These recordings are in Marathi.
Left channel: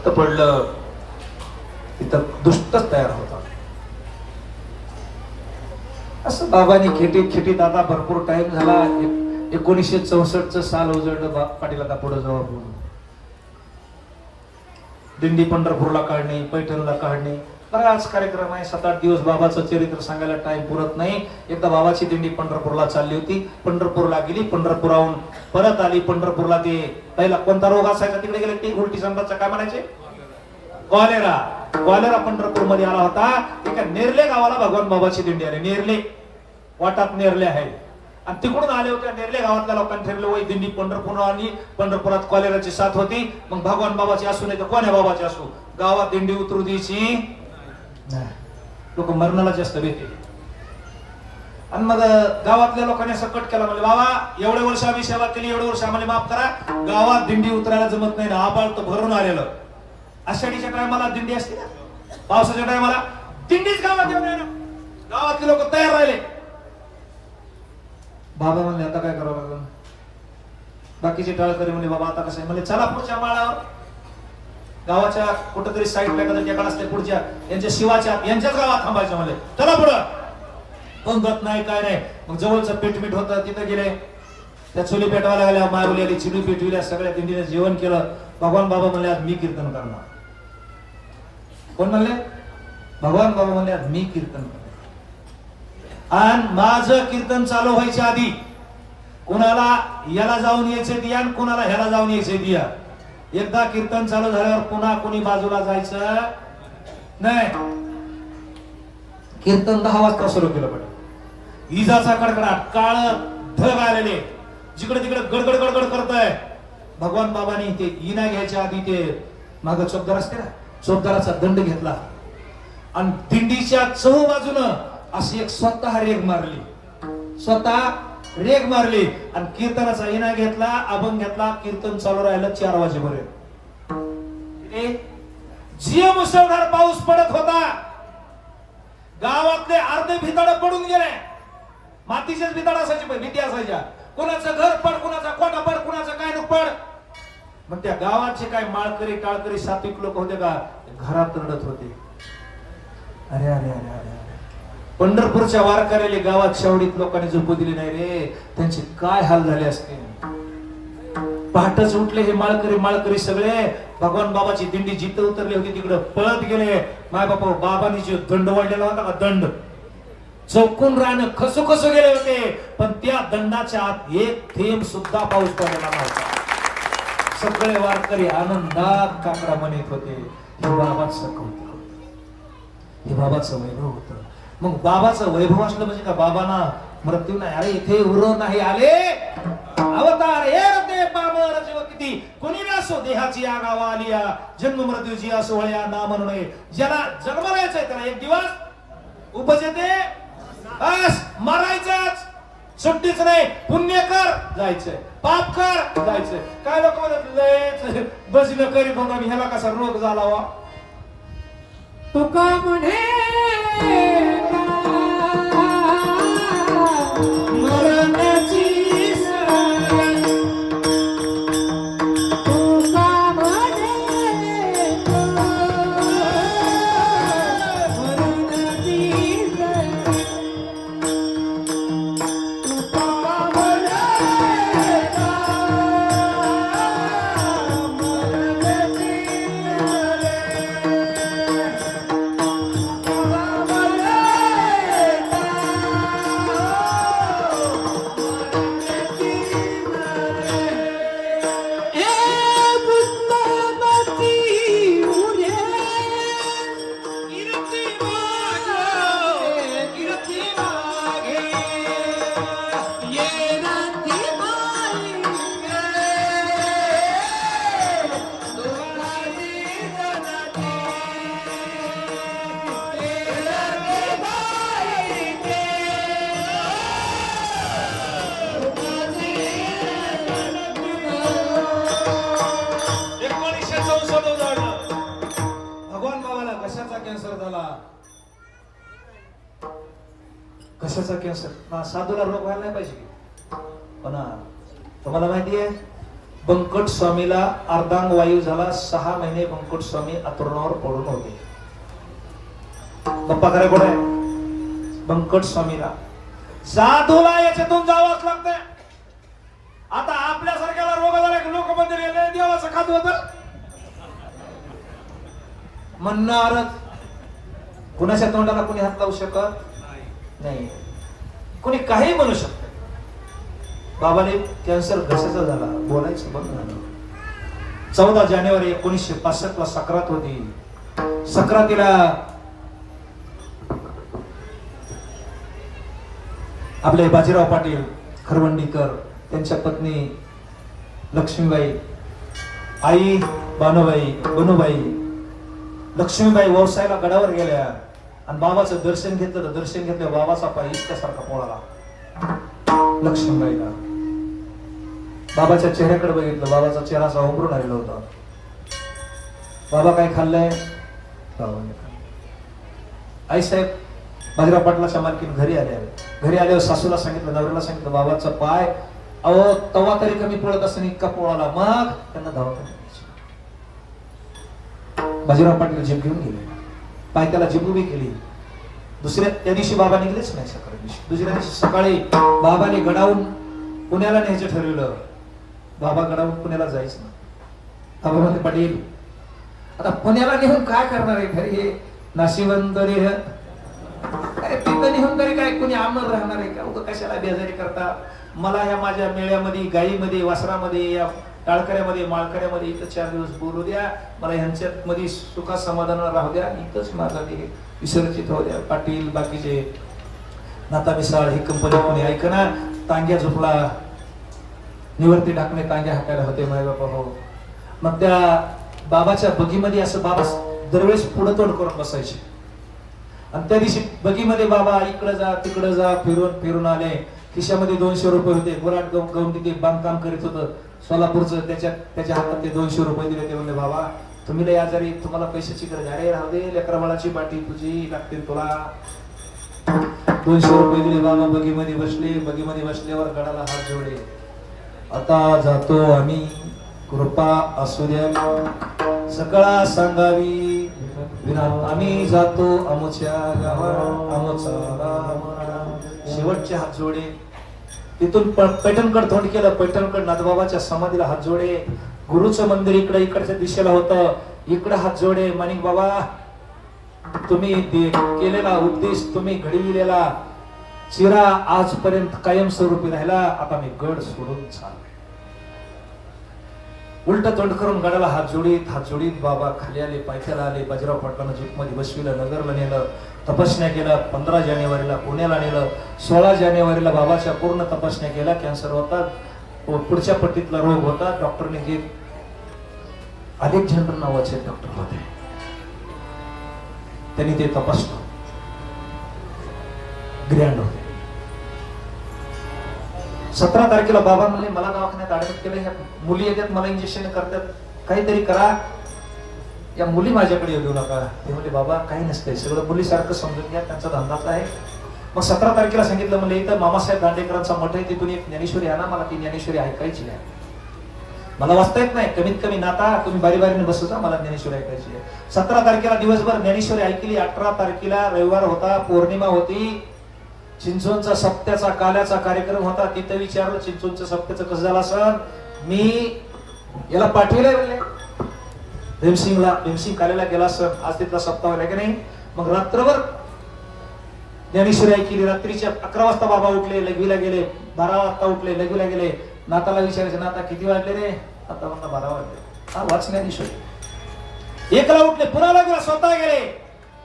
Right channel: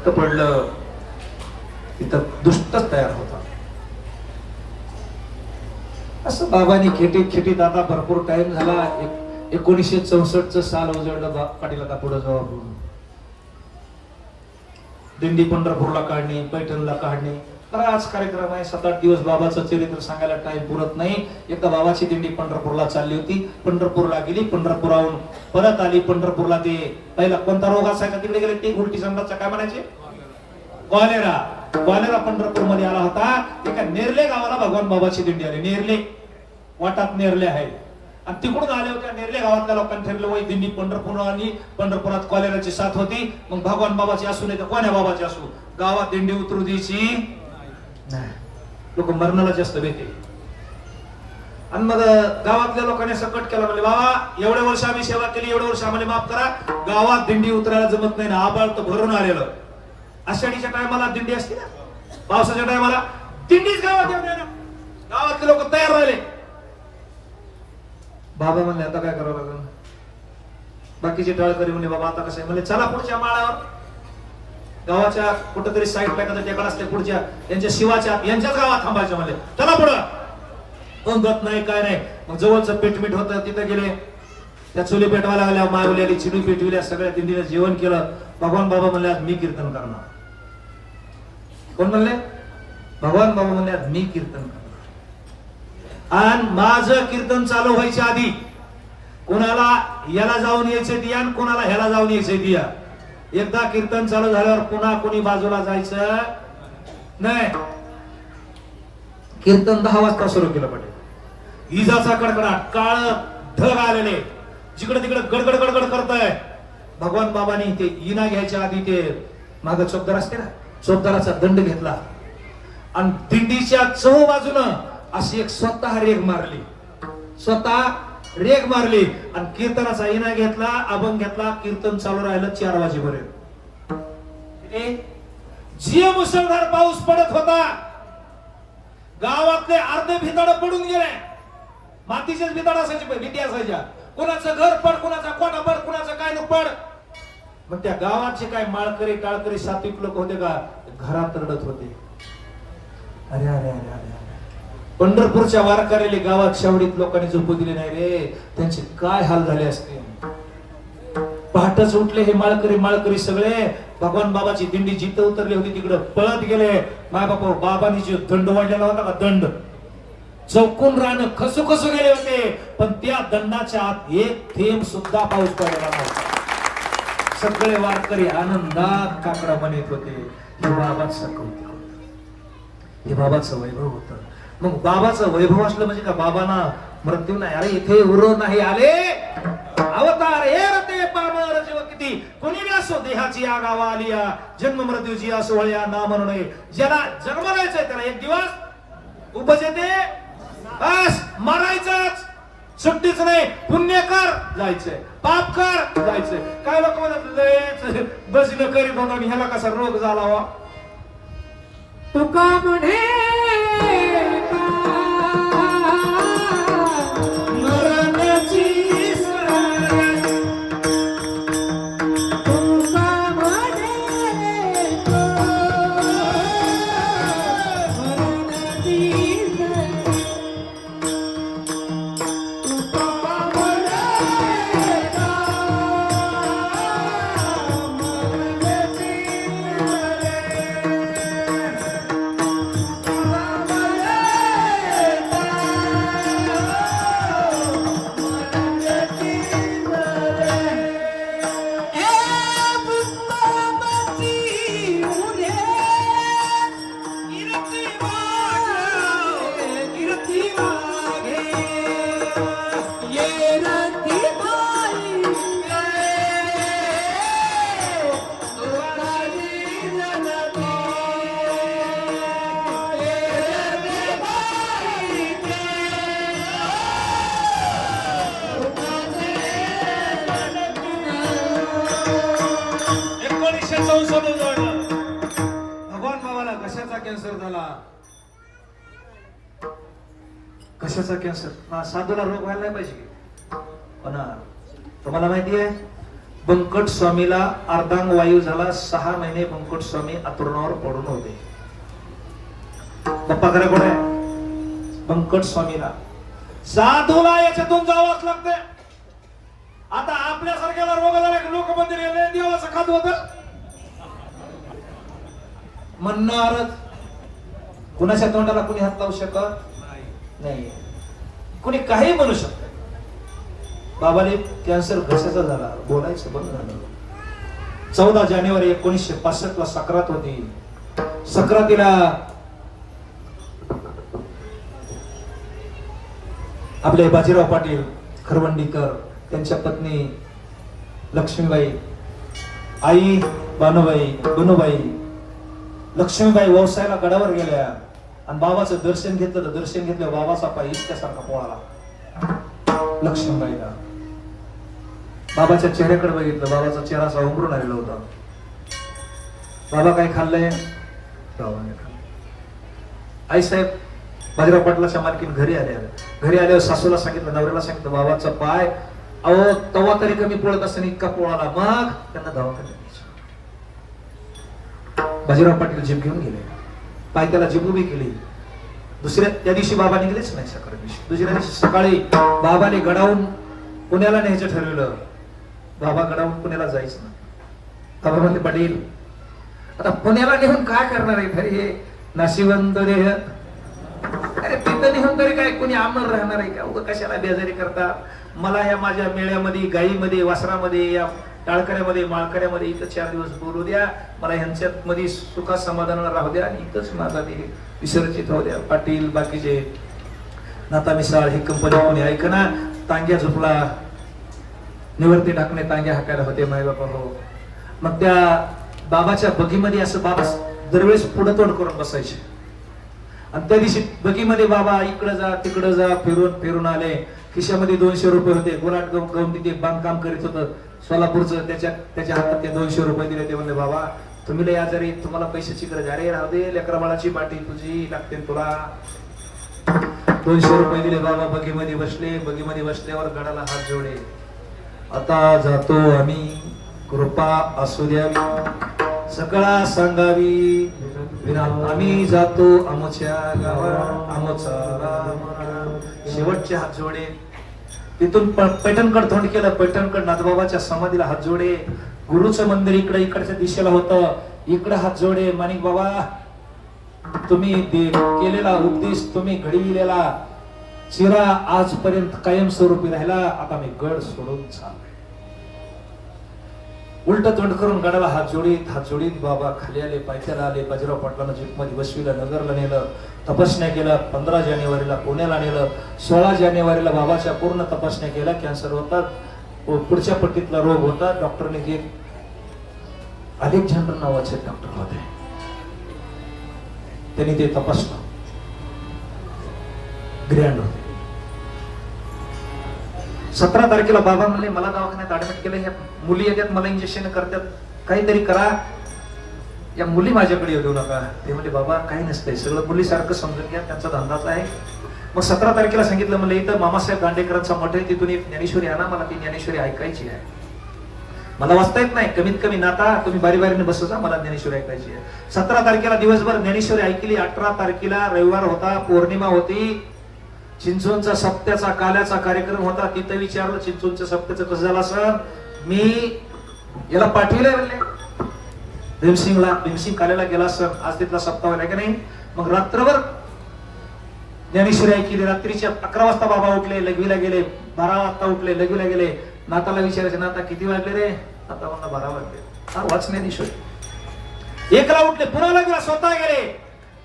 रक्त पडलं तिथं दुष्टच तयार होता. असं बाबांनी खेटी खेटी दादा भरपूर टाइम झाला. एकोणीसशे चौसष्ट साल उजळलं पाटील आता पुढे जवळ दिंडी पंढरपूरला काढणे पैठणला काढणे बराच कार्यक्रम आहे. सात आठ दिवस बाबाचं चरित्र सांगायला टाइम पुरत नाही. एकदा बाबाची दिंडी पंढरपूरला चालली होती. पंढरपूरला गेली. पंढरपुराहून परत आली. पंढरपूरला ते पहिला कोणता रोग असायचा? तिकडे गेले ते उलटी संघाचा काय म्हणायचे? कॉलेरा. कॉलेरा पंढरपूरमध्ये आला होता. एका नेरले गावाला भगवान बाबाची दिंडी आली. नेरले. वाटात नेरले आहे. आणि तिकडून आले होते. नेरले गावातल्या लोकांनी ठरले वय दिंडी पंढरपूर आली. पंढरपुरात कॉलेराची साथ होती. मग भगवान बाबाची असू नाही तर कोण्या बाबाची असू? गावात दिंडी उतरू द्यायची. लोक मरणाला जास्त भीती आणि मग गावातल्या लोकांनी असं कट केला म्हणजे बाबा एवढे वर्ष आम्ही सेवा केली एवढे वर्ष आम्हाला माफ करा. गावात दिंडी उतरायला जमत नाही ना आबाळ तर भरून आलेलं. आषाढीच्या टायमाला दिंडी असते ना? पावसाच्या टायमाला दिंडीच गावात येऊन ना गावातले लोक तयार राहिले. बाबा म्हणले आता काय करावं लागलं? बाकीचे टळकरी म्हणले बाबा आता कसं आहे? म्हणले चला पुढच्या माळावर. गावाच्या कुठेतरी साईडला एखाद्या टेकाड असते पुढच्या त्यांच्या शिवाच्या यांच्याच गावात थांबायचं म्हणले. चला पुढं. पंगत नाही काय नाही. मग जवळचं पीठमीठ होतं तिथं गेले. त्या चुली पेटवायला आल्या मायवली चिडू पेटविल्या सगळ्या दिंडीला जेवण केलं. भगवान बाबा म्हणले आज मी कीर्तन करणार. कोण म्हणले? भगवान बाबा म्हणले आज मी कीर्तन करणार. आणि माझं कीर्तन चालू व्हायच्या आधी कोणाला याला जाऊन यायचे दिया आणि कोणाला ह्याला जाऊन यायचे दिया एकदा कीर्तन चालू झाल्यावर पुन्हा कोणी बाजूला जायचं? नाही. कीर्तन दहा वाजता सुरू केलं पाहिजे. इजाचा कडकडाट काळ ढग आलेले. जिकडे तिकडे गडगड गडगड करताय. भगवान बाबांनी ते इना घ्यायच्या आधी ते माग चौकदार असते ना चौकदाराचा दंड घेतला. आणि दिंडीच्या चहू बाजूनं अशी एक स्वतः रेग मारली. स्वतः रेग मारली आणि कीर्तनाचा इना घेतला अभंग घेतला कीर्तन चालू राहिलं चार वाजेपर्यंत. जी मुसळधार पाऊस पडत होता. गावातले अर्धे भिताड पडून गेले. मातीचेच भिताड असायचे भीती असायच्या. कुणाचं घर पड कुणाचा कोटा पड कुणाचं काय नको पड. मग त्या गावाचे काय माळकरी टाळकरी सात्विक लोक होते का? घरात रडत होते. अरे अरे अरे अरे. पंढरपूरच्या वारकऱ्याला गावात शावडीत लोकांनी झोपू दिली नाही रे. त्यांचे काय हाल झाले असते? पहाटच उठले हे माळकरी माळकरी सगळे. भगवान बाबाची दिंडी जिथं उतरली होती तिकडे पळत गेले. माय बापा बाबांनी जो दंड वाढलेला होता का दंड? चौकून राहणं कसो कसो गेले होते. पण त्या दंडाच्या आत एक थेंब सुद्धा पाऊस पडलेला सगळे वारकरी आनंदात काकडा म्हणत होते. हे बाबाच होत होतं. हे बाबाचं वैभव होतं. मग बाबाचं वैभव असलं म्हणजे का बाबांना मृत्यू नाही? अरे इथे उर नाही आले. अवतार हे रते पामर जीव किती कोणी असो देहाची या गावा आलिया. जन्म मृत्यूची असो वळ्या ना म्हणणे ज्याला जन्मलायचंय त्याला एक दिवस उपज बस मरायचंच. सुट्टीच नाही. पुण्य कर जायचंय. पाप कर जायचंय. काय लोक म्हणत बसलं करी बघा ह्याला कसा रोग झाला वा तुका म्हणे कॅन्सर. ना साधूला रोग व्हायला नाही पाहिजे. पण हा, तुम्हाला माहिती आहे बंकट स्वामीला अर्धांग वायू झाला सहा महिने बंकट स्वामी अतुरणावर पडून होते. पप्पा खरं कोण आहे? बंकट स्वामीला साधूला याच्यातून जावंच लागते आता आपल्यासारख्याला रोग झाला की लोक मंदिर गेले देवाचं खात होत. म्हणणारच. कुणाच्या तोंडाला कोणी हात लावू शकत? नाही. कोणी काही म्हणू शकत बाबाने कॅन्सर घशाचा झाला? बोलायचं बंद झालं. चौदा जानेवारी एकोणीसशे पासष्ट ला सक्रात होती. सक्रातीला आपले बाजीराव पाटील खरवंडीकर त्यांच्या पत्नी लक्ष्मीबाई आई बानुबाई बनूबाई लक्ष्मीबाई व्यवसायाला गडावर गेल्या. आणि बाबाचं दर्शन घेतलं दर्शन घेतलं बाबाचा पाय इतक्यासारखा पोळाला लक्ष्मीबाईला बाबाच्या चेहऱ्याकडे बघितलं बाबाचा चेहरा असा उमरून आलेला होता. बाबा काय खाल्लंय? बाबाने खाल्लं. आई साहेब बाजीराव पाटलाच्या मालकीन घरी आले घरी आल्यावर सासूला सांगितलं नवऱ्याला सांगितलं बाबाचा पाय अहो तवा तरी कमी पळत असताना इतका पोळाला मग त्यांना दवाखान्यात बाजीराव पाटील जीप घेऊन गेले. पाय त्याला जीप उभी केली दुसऱ्या त्या दिवशी बाबा निघलेच नाही सकाळी दिवशी दुसऱ्या दिवशी सकाळी बाबाने गडावून पुण्याला न्यायचं ठरवलं बाबा गडावून पुण्याला जायचं बाबा म्हणते पाटील आता पुण्याला नेऊन काय करणार आहे घरी हे नाशिवंत देह अरे तिथं निघून तरी काय कोणी आमर राहणार आहे का उगा कशाला बेजारी करता मला या माझ्या मेळ्यामध्ये गाईमध्ये वासरामध्ये या टाळकऱ्यामध्ये माळकऱ्यामध्ये इथं चार दिवस बोलू द्या. मला ह्यांच्यात मध्ये सुखा समाधानाला राहू द्या इथंच माझा मी विसर्जित राहू द्या. पाटील बाकीचे नाता मिसाळ ही कंपनी कोणी ऐकना तांग्या झोपला. निवृत्ती टाकणे तांग्या हाकायला होते माय बाबा हो. मग त्या बाबाच्या बगीमध्ये असं बाबा दरवेळेस पुढं तोंड करून बसायचे. आणि त्या दिवशी बगीमध्ये बाबा इकडं जा तिकडं जा फिरून फिरून आले. खिशामध्ये दोनशे रुपये होते. गुराट गव गाऊन तिथे बांधकाम करीत होतं. सोलापूरचं त्याच्या त्याच्या हातात ते दोनशे रुपये दिले ते म्हणले बाबा तुम्ही लय आजारी तुम्हाला पैशाची गरज अरे राहू दे लेकरमाळाची पाठी तुझी लागते तुला. दोनशे रुपये दिले बाबा बगीमध्ये बसले बगीमध्ये बसल्यावर गडाला हात जोडे. आता जातो आम्ही कृपा असू द्या. सकाळ सांगावी विराम आम्ही जातो आमच्या गावा आमचा शेवटचे हात जोडे. तिथून पैठणकड तोंड केलं. पैठणकड नाथबाबाच्या समाधीला हात जोडे. गुरुचं मंदिर इकडे इकडच्या दिशेला होतं. इकडे हात जोडे. माणिक बाबा तुम्ही केलेला उपदेश तुम्ही घडविलेला. चिरा आजपर्यंत कायमस्वरूपी राहिला. आता मी गड सोडून चाललोय. उलट तोंड करून गडला हात जोडीत हात जोडीत बाबा खाली आले पायथ्याला आले बाजीराव पाटलांना जीपमध्ये बसविलं नगरला नेलं तपासण्या केल्या पंधरा जानेवारीला पुण्याला नेलं सोळा जानेवारीला बाबाच्या पूर्ण तपासण्या केल्या कॅन्सर होता पुढच्या पट्टीतला रोग होता डॉक्टरने जे अधिक झंडर नावाचे डॉक्टर होते. त्यांनी ते तपासलं. ग्रँड होते. सतरा तारखेला बाबा म्हणले मला दवाखान्यात ऍडमिट केलं ह्या मुली येतात मला इंजेक्शन करतात. काहीतरी करा. या मुली माझ्याकडे येऊ देऊ नका. ते म्हणले बाबा काही नसतंय. सगळं मुलीसारखं समजून घ्या. त्यांचा धंदाच आहे. मग सतरा तारखेला सांगितलं म्हणलं इथं मामासाहेब दांडेकरांचा मठ आहे. तिथून एक ज्ञानेश्वरी आणा. मला ती ज्ञानेश्वरी ऐकायची आहे. मला वाचता येत नाही. कमीत कमी नाता. तुम्ही बारी बारीने बसू जा. मला ज्ञानेश्वरी ऐकायची आहे. सतरा तारखेला दिवसभर ज्ञानेश्वरी ऐकली. अठरा तारखेला रविवार होता. पौर्णिमा होती. चिंचोनचा सप्त्याचा काल्याचा कार्यक्रम होता तिथं विचारलं चिंचोनच्या सप्त्याचं कसं झालं असं? मी याला पाठविले म्हणले. भीमसिंगला भीमसिंग काल्याला गेला सर आज तिथला सप्ताह होता की नाही? मग रात्रभर ज्ञानेश्वरी ऐकली रात्रीच्या अकरा वाजता बाबा उठले लघवीला गेले बारा वाजता उठले लघवीला गेले. नाताला विचारायचे नाता किती वाजले रे? आता म्हणता बारा वाजले. हा वाच ज्ञानेश्वरी. एकला उठले पुन्हा लग्न स्वतः गेले.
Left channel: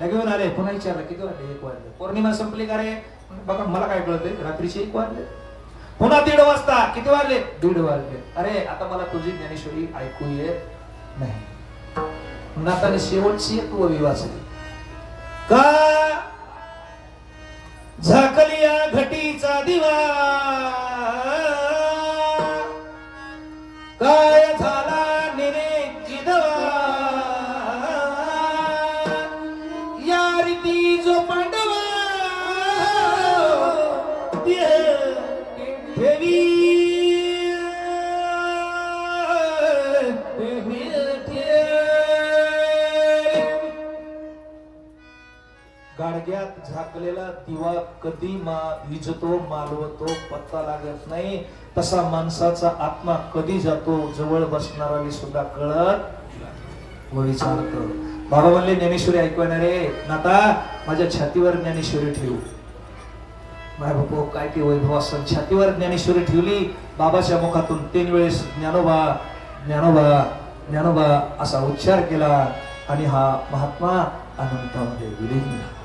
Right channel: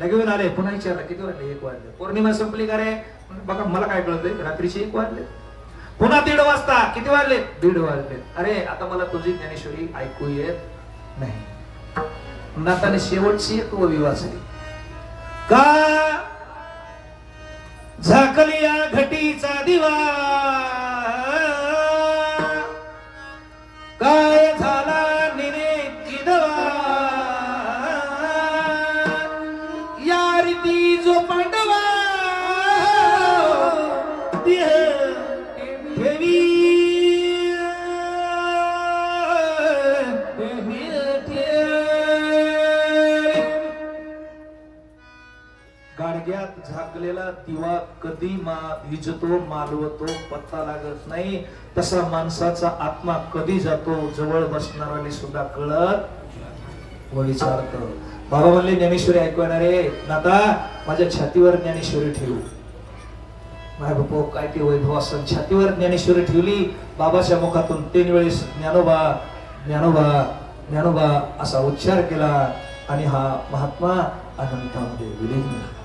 लगेऊन आले पुन्हा विचारलं किती वाजले? एक वाजले. पौर्णिमा संपली का रे? बघा मला काय कळतंय? रात्रीचे एक वाजले. पुन्हा दीड वाजता. किती वाजले? दीड वाजले. अरे आता मला तुझी ज्ञानेश्वरी ऐकू येत नाही. नाताने शेवटची एक वाचली. का? झाकली या घटीचा दिवा. गाडग्यात झाकलेला दिवा कधी मा विजतो मालवतो पत्ता लागत नाही. तसा माणसाचा आत्मा कधी जातो जवळ बसणारा सुद्धा कळत विचार बाबा म्हणले ज्ञानेश्वरी नाता माझ्या छातीवर ज्ञानेश्वरी ठेवू. माय बापो काय ते वैभव असं छातीवर ज्ञानेश्वरी ठेवली. बाबाच्या मुखातून तीन वेळेस ज्ञानोबा ज्ञानोबा ज्ञानोबा असा उच्चार केला आणि हा महात्मा अनंतामध्ये विलीन झाला.